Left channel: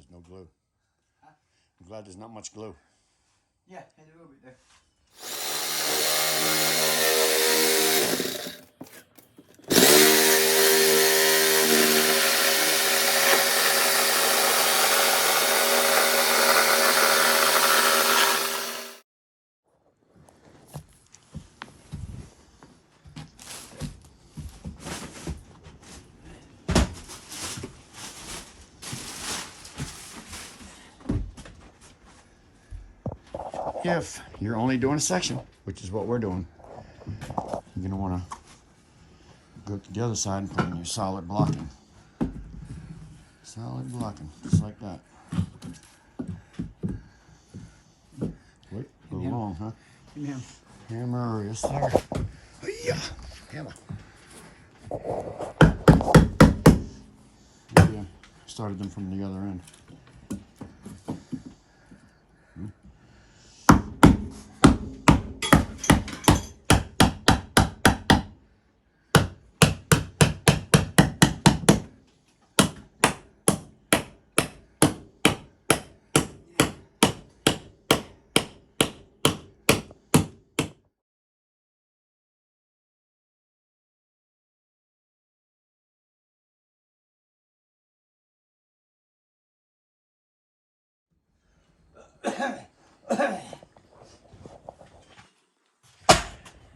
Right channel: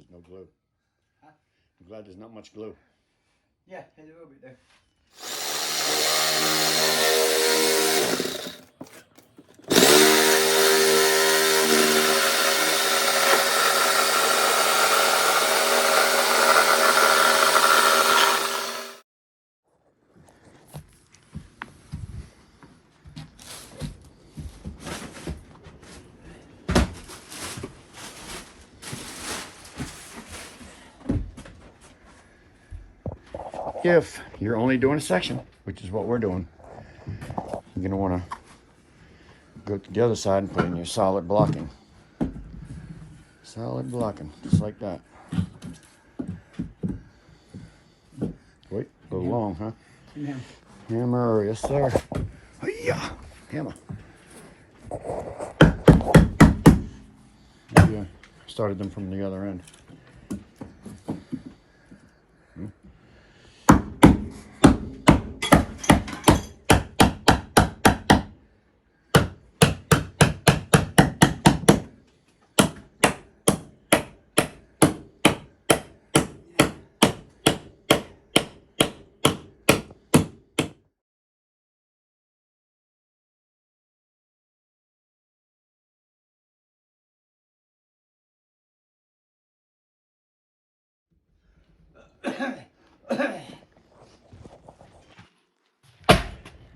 there's no glue. Huh? I'm glad there's not much glue. Yeah, there's a little bit there. If you're only doing a section, which is what we're doing, you're going to want to go to the other side and put in your solid blocking. Solid blocking, just like that. Wait, a little long, huh? Yeah. Hammer, yes sir. Yeah, hammer. Yeah, started them from the other end.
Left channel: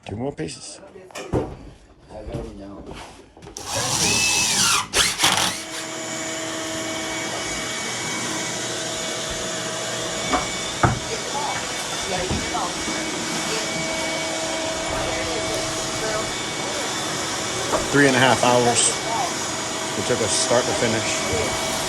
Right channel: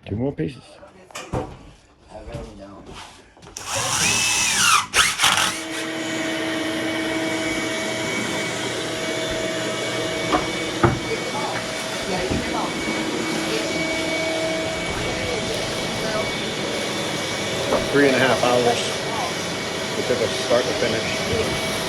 Two more pieces. About 3.5 hours. It took us start to finish.